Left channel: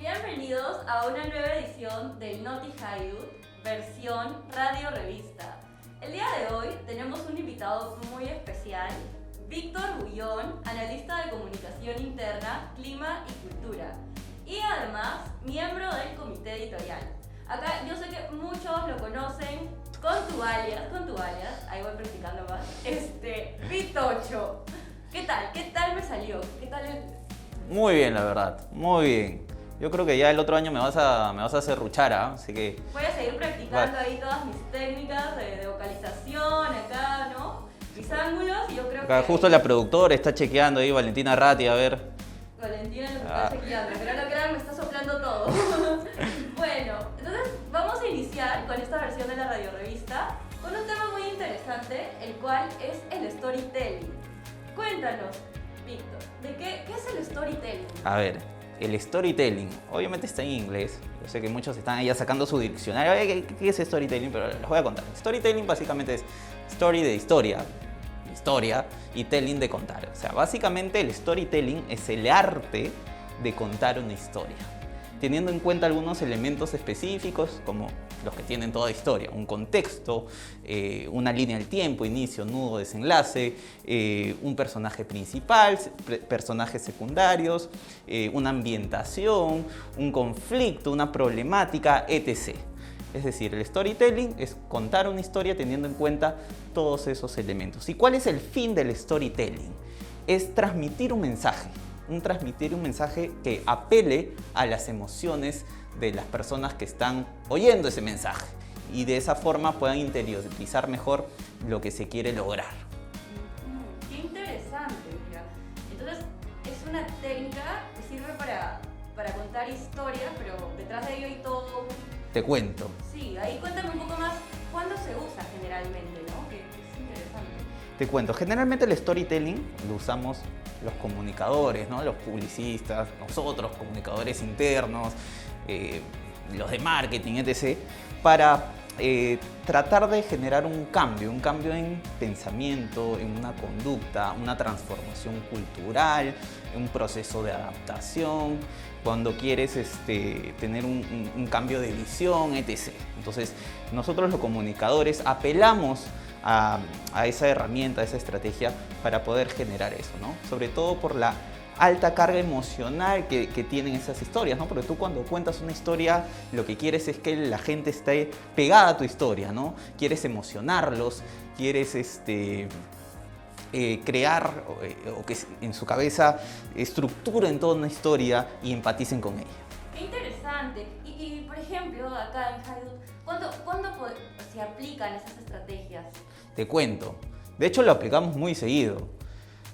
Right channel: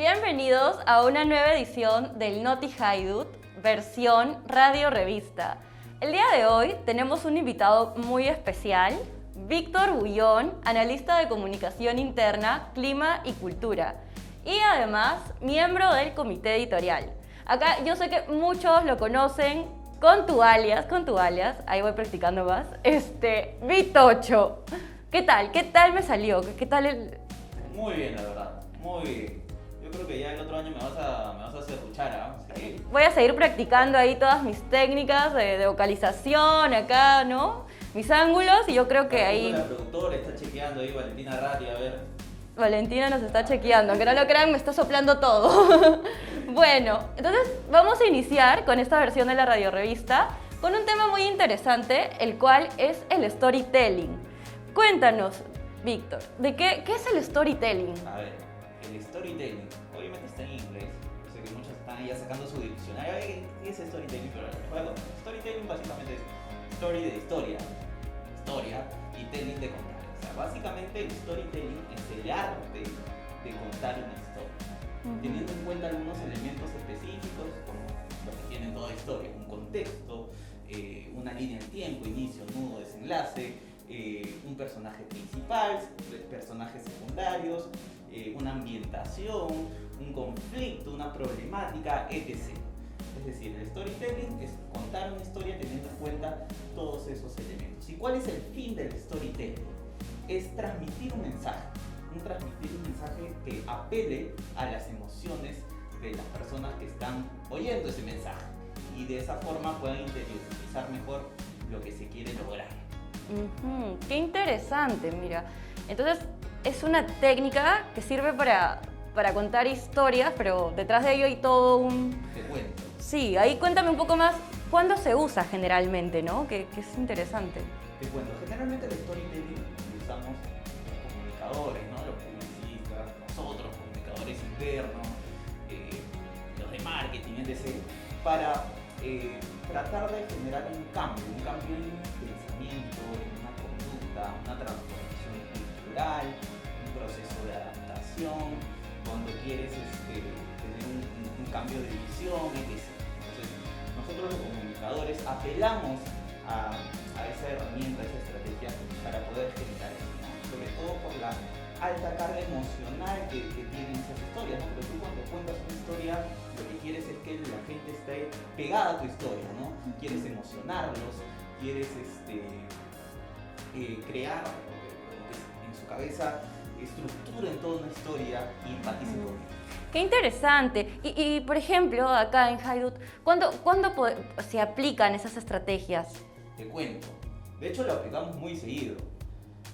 Bienvenidos a una nueva edición del Noti Haidut, versión radio revista. El día de hoy tenemos un invitado muy especial, Víctor Bullón, analista de comunicación interna, clima y cultura, y además miembro del comité editorial. Acá yo sé que muchos lo conocen con tu alias, ahí voy practicando más, Vitocho. ¿Qué tal? ¿Qué tal me salió? ¿Qué tal el...? Muy bien, la verdad, muy bien. Yo creo que ya el otro año me vas a serruchar, ¿ah? Así que... Voy a seguir practicando ahí todas mis técnicas de vocalización acá, ¿no? Mis ángulos y yo creo que Acá justo ahí... la productora está chequeando ahí, Valentina Ratti, a ver. Valentina nos está chequeando, que no lo crean, me está soplando todo. Bueno, entonces vamos a iniciar con esta versión de la radiorevista con un tema muy interesante, el cual es el storytelling. Cuéntanos, Víctor, ¿de qué es el storytelling? A ver, el storytelling, obviamente está en inglés. Yo sé que muchos están ya sacando su diccionario. ¿Qué es storytelling? Pero les voy a contar. Storytelling básicamente es story de historia y telling de contar. O sea, básicamente el storytelling es el arte de contar una historia, teniendo en cuenta algunos elementos específicos como los que tienen toda historia: un contexto, una línea del tiempo, inicio, nudo, desenlace, un personaje principal, personajes secundarios, una ambientación, un conflicto, una problemática, etc. Es decir, el storytelling es contar una historia teniendo en cuenta todos esos elementos. ¿Y cuál es el fin del storytelling? Es transmitir un mensaje que apele a las emociones de las personas que están oyendo ese mensaje y de esa forma puedan interiorizar mejor lo que se quiere lograr. Qué interesante, mira. Entonces, es una técnica que sirve para contar historias, pero detrás de ello hay todo un... Te cuento. Sí, ahí cuéntame un poco más, ¿cuándo se usa generalmente, no? Que es interesante. Te cuento, generalmente el storytelling lo usamos los comunicadores, ¿no? Los publicistas, nosotros, comunicadores internos, los de marketing, etc., para tratar de generar un cambio en pensamiento, en una conducta, una transformación cultural, un proceso de adaptación, cuando quieres tener un cambio de visión, etc. Entonces, nosotros los comunicadores apelamos a esa herramienta, a esa estrategia para poder generar eso, ¿no? Sobre todo por la alta carga emocional que tienen esas historias, ¿no? Porque tú cuando cuentas una historia, lo que quieres es que la gente esté pegada a tu historia, ¿no? Quieres emocionarlos, quieres crear o que en su cabeza estructuren toda una historia y empaticen con ella. Qué interesante. Y por ejemplo, acá en Haidut, ¿cuándo se aplican esas estrategias? Te cuento. De hecho, lo aplicamos muy seguido.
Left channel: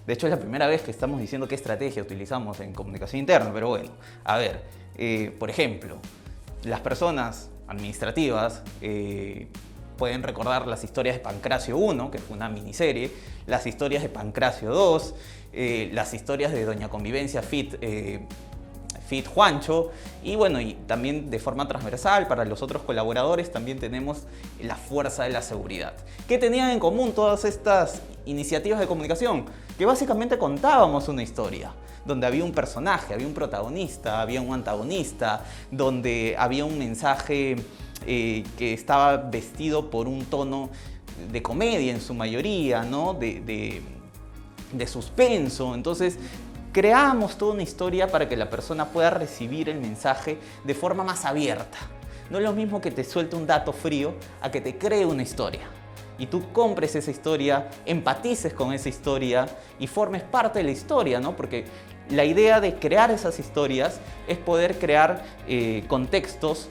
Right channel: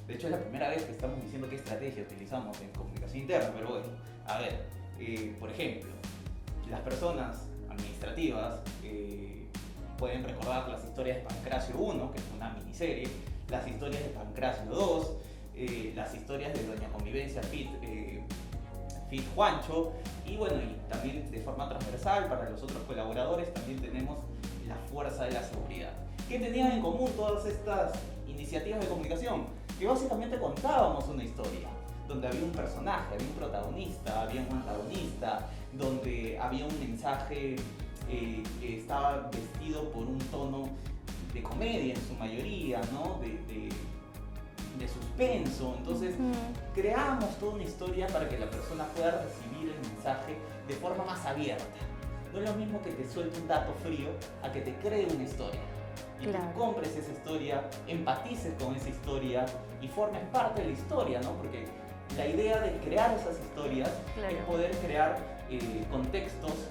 De hecho, es la primera vez que estamos diciendo qué estrategia utilizamos en comunicación interna, pero bueno, a ver, por ejemplo, las personas administrativas pueden recordar las historias de Pancracio 1, que fue una miniserie, las historias de Pancracio 2, las historias de Doña Convivencia Fit Juancho, y bueno, y también de forma transversal para los otros colaboradores también tenemos la fuerza de la seguridad. ¿Qué tenían en común todas estas iniciativas de comunicación? Que básicamente contábamos una historia, donde había un personaje, había un protagonista, había un antagonista, donde había un mensaje que estaba vestido por un tono de comedia en su mayoría, ¿no? de suspenso. Entonces, creamos toda una historia para que la persona pueda recibir el mensaje de forma más abierta. No es lo mismo que te suelte un dato frío a que te cree una historia. Y tú compres esa historia, empatices con esa historia y formes parte de la historia, ¿no? Porque la idea de crear esas historias es poder crear contextos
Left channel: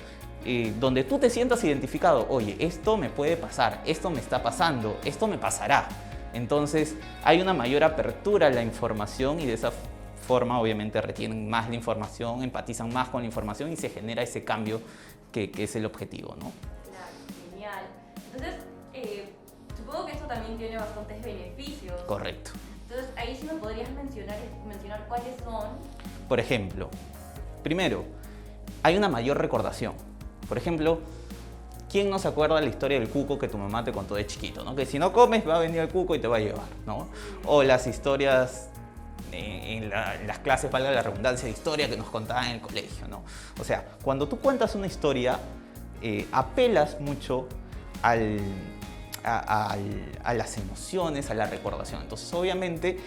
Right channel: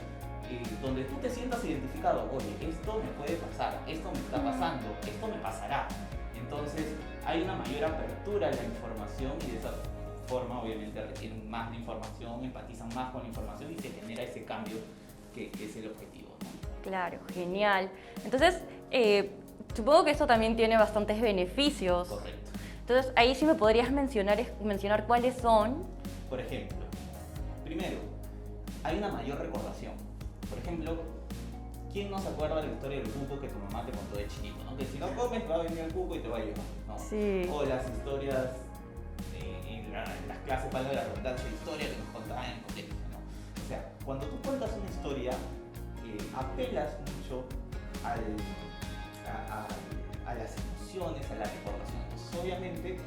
donde tú te sientas identificado. Oye, esto me puede pasar, esto me está pasando, esto me pasará. Entonces hay una mayor apertura a la información y de esa forma obviamente retienen más la información, empatizan más con la información y se genera ese cambio que es el objetivo, ¿no? Claro, genial. Entonces, supongo que esto también tiene bastantes beneficios. Correcto. Entonces, ahí sí me podrías mencionar cuáles son. Por ejemplo, primero, hay una mayor recordación. Por ejemplo, ¿quién no se acuerda de la historia del cuco que tu mamá te contó de chiquito, ¿no? Que si no comes va a venir el cuco y te va a llevar, ¿no? Sí. O las historias en las clases, valga la redundancia, de historia que nos contaban en el colegio, ¿no? O sea, cuando tú cuentas una historia, apelas mucho a las emociones, a la recordación. Entonces, obviamente,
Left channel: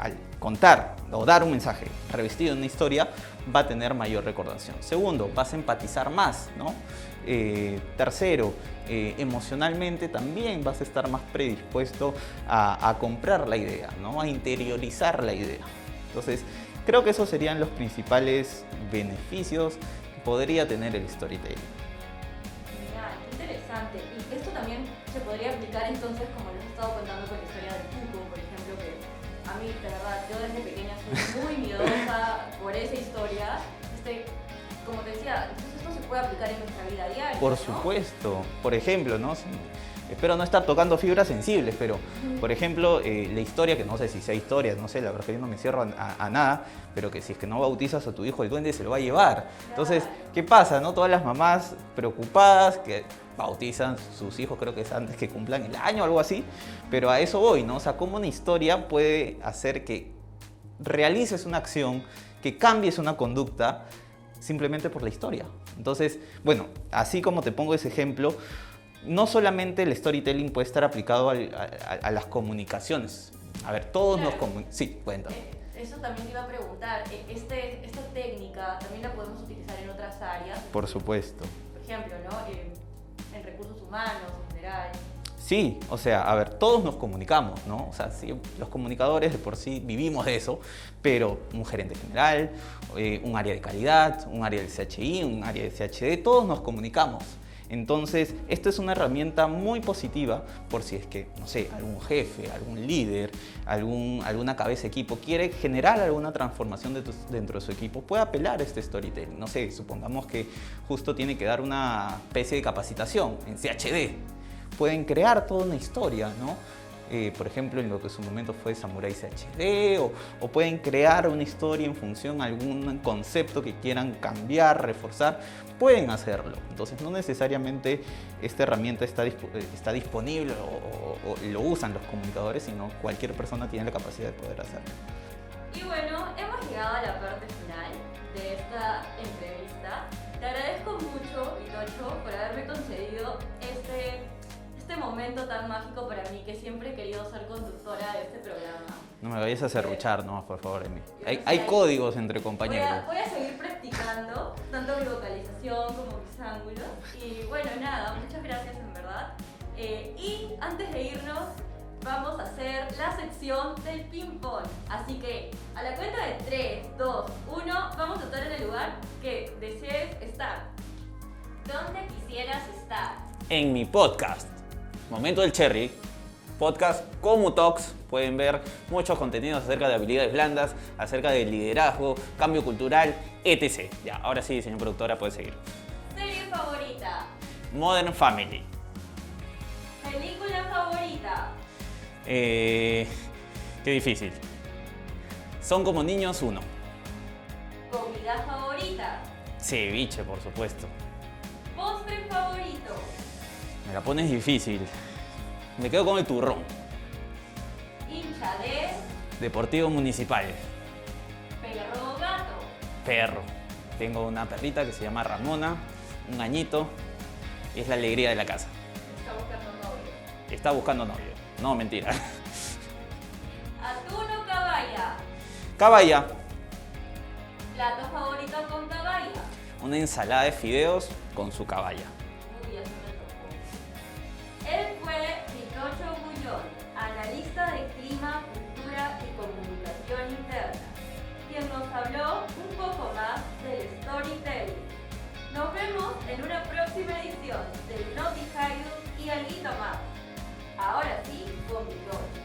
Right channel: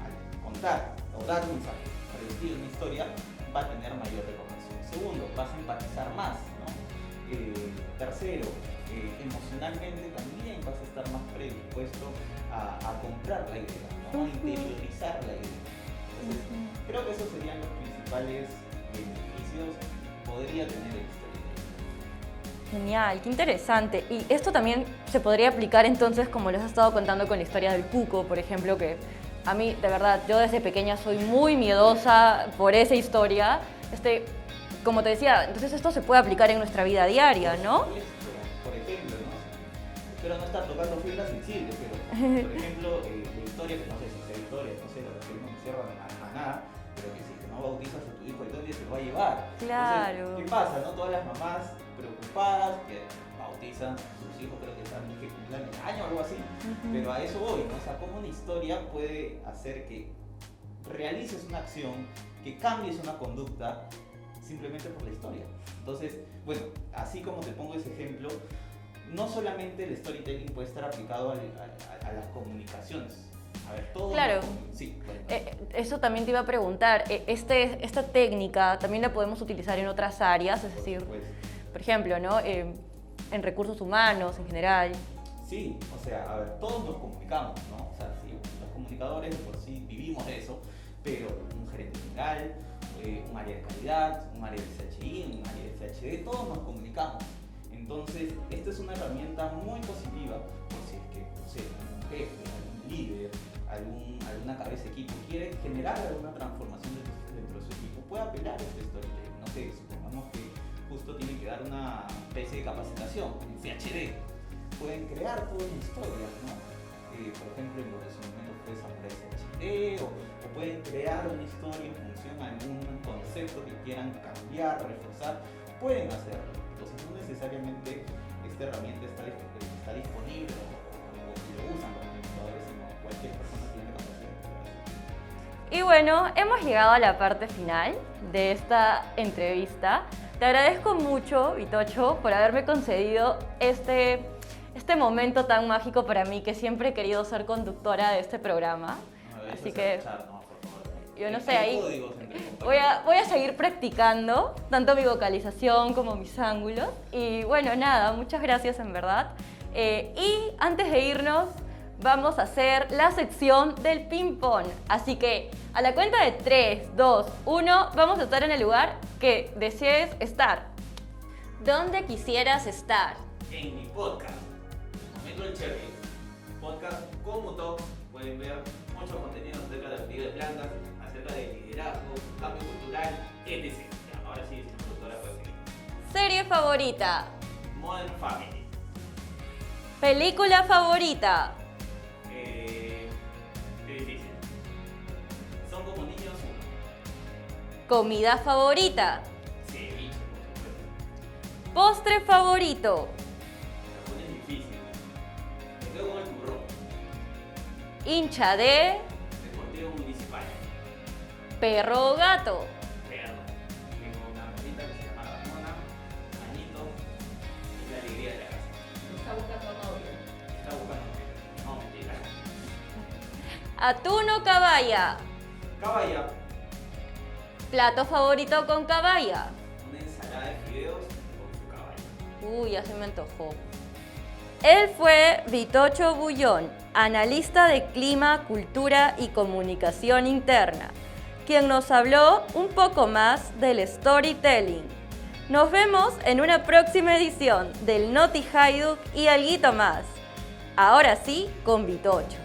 al contar o dar un mensaje revestido en una historia, va a tener mayor recordación. Segundo, vas a empatizar más, ¿no? Tercero, emocionalmente también vas a estar más predispuesto a comprar la idea, ¿no? A interiorizar la idea. Entonces, creo que esos serían los principales beneficios que podría tener el storytelling. Genial, qué interesante. Y esto también se podría aplicar entonces, como les has estado contando con la historia del Puco, por ejemplo, que a mí, de verdad, yo desde pequeña soy muy miedosa por esa historia. Como te decía, entonces esto se puede aplicar en nuestra vida diaria, ¿no? Por supuesto. Por ejemplo, ¿no? Espero no estar tocando fibras sensibles, pero, por ejemplo, la historia, que no sé si sea historia, no sé, la verdad que yo no me cierro a nada, pero que si es que no bautizas a tu hijo, el duende se lo va a llevar. Claro. Entonces, ¿qué pasa, no? Todas las mamás preocupadas que bautizan sus hijos, creo que es antes que cumplan el año o algo así, pero a eso voy, ¿no? O sea, cómo una historia puede hacer que realices una acción, que cambies una conducta, simplemente por la historia. Entonces, bueno, así como te pongo ese ejemplo, no solamente el storytelling puede estar aplicado a las comunicaciones. A ver, todos claro. Sí, cuéntame. Eso también te iba a preguntar. Esta técnica también la podemos utilizar en otras áreas. Por supuesto. Por ejemplo, ¿no? En recursos humanos en general. Sí, o sea, a ver, todos nos comunicamos, ¿no? O sea, sí, los comunicadores de por sí vivimos de eso, pero un gerente general, un área de calidad, un área del CHI, un área de CHD, todos nos comunicamos. Entonces, esto es una herramienta muy positiva por si es que, no sé, algún jefe, algún líder, alguna cabeza de equipo quiere generar alguna transformación dentro de su equipo, puede apelar a este storytelling. No sé, supongamos que justo tiene que dar una especie de capacitación en CHD. Pueden crear toda una historia, ¿no? Por ejemplo, en lo que en su momento fue Samurai CHD, o pueden crear una historia en función a algún concepto que quieran cambiar, reforzar, pueden hacerlo. Entonces, no necesariamente esta herramienta está disponible o lo usan los comunicadores, sino cualquier persona tiene la capacidad de poder hacerlo. Y bueno, hemos llegado a la parte final de esta entrevista. Te agradezco mucho, Vitocho, por haberme concedido este momento tan mágico para mí, que siempre he querido ser conductora de este programa. No me vayas a serruchar, no, por favor. Hay códigos entre compañeros. Voy a seguir practicando, tanto mi vocalización como mis ángulos. Y bueno, nada, muchas gracias en verdad. Y antes de irnos, vamos a hacer la sección del ping-pong. Así que a la cuenta de 3, 2, 1, vamos a estar en el lugar que desees estar. ¿Dónde quisieras estar? En mi podcast, Momento del Cherry, podcast como Talks, pueden ver muchos contenidos acerca de habilidades blandas, acerca de liderazgo, cambio cultural, etc. Ya, ahora sí, señor productora, puede seguir. ¿Serie favorita? Modern Family. ¿Película favorita? Qué difícil. Son como niños 1. ¿Comida favorita? Ceviche, por supuesto. ¿Postre favorito? Me la pones difícil. Me quedo con el turrón. ¿Hincha de? Deportivo Municipal. ¿Perro o gato? Perro. Tengo una perrita que se llama Ramona, un añito, y es la alegría de la casa. Está buscando novio. Está buscando novio. No, mentira. ¿Atún o caballa? Caballa. ¿Plato favorito con caballa? Una ensalada de fideos con su caballa. Uy, ya se me antojó. Él fue Vitocho Bullón, analista de clima, cultura y comunicación interna, quien nos habló un poco más del storytelling. Nos vemos en una próxima edición del Noti Hayduk y alguito más. Ahora sí, con Vitocho.